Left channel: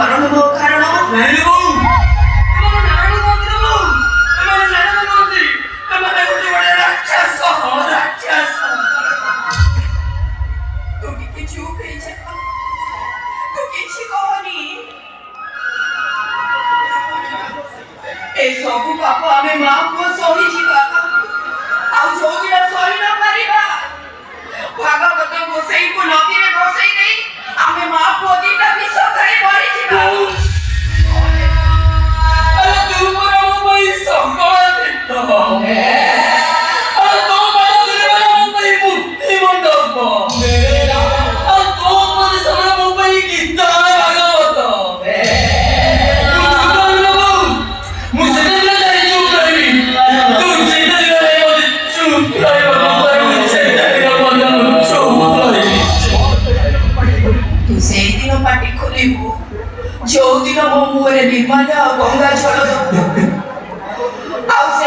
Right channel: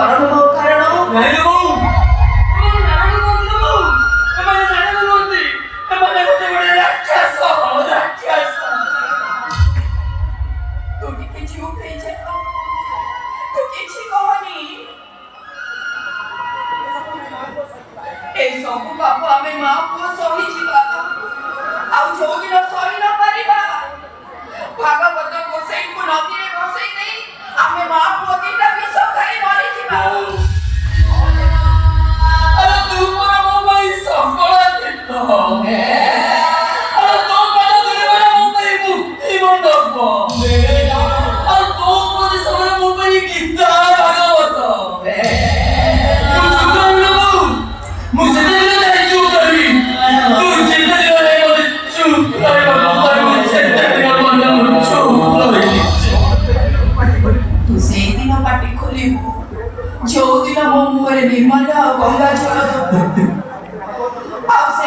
ମରଣ ମୋ କାରଣ ନାଇଁ ବୋଉ ଏମାନେ ନାରାୟଣ କୁହନ୍ତି ବୋଉ ଏମାନେ ନାରାୟଣ କୁହନ୍ତି ଏମାନେ ଗୋଟେ ରାକ୍ଷସ ତୁ ଟିକେ ଚୁପ ହେଇଯା ତୁ କିଛି କହନି ଏ ସବୁ ପାପ ଆମେ ମା ପୁଅ ସହିଯିବା ଆଉ ଯୋଉଦିନ ସହି ନ ପାରିବା ଭାଗବତ ଗୋସାଇଙ୍କୁ ନଦୀରେ ବସେଇ ଦେଇ ଆମେ ମା ପୁଅ ଦିଟା ବିଷ ଖାଇ ମରିଯିବା ତୁ ମୋ ପାଇଁ ସକଳ ତୀର୍ଥ ତୋ ପାଦ ଧରିବାରେ ମୋ ପାଇଁ ମୁକ୍ତି ମଣ୍ଡପ ଆଉ ତୋ ପରିସର ମୋ ପାଇଁ ଗୀତା ଭାଗବତ ମୁଁ ସେତେବେଳେ ଯାଇ ଚୁପ୍ କରିବି ତୁ ଚିନ୍ତା ମତେ ଚୁପ୍ ରହିବ ତୁ ସେଇଦିନ ପାଟି ଖୋଲିବୁ ଯୋଉଦିନ ମୋ ମୁହଁରେ ନିର୍ମାଲ୍ୟ ଆଉ ଗଙ୍ଗା ଜଳ ଆଉ ସେ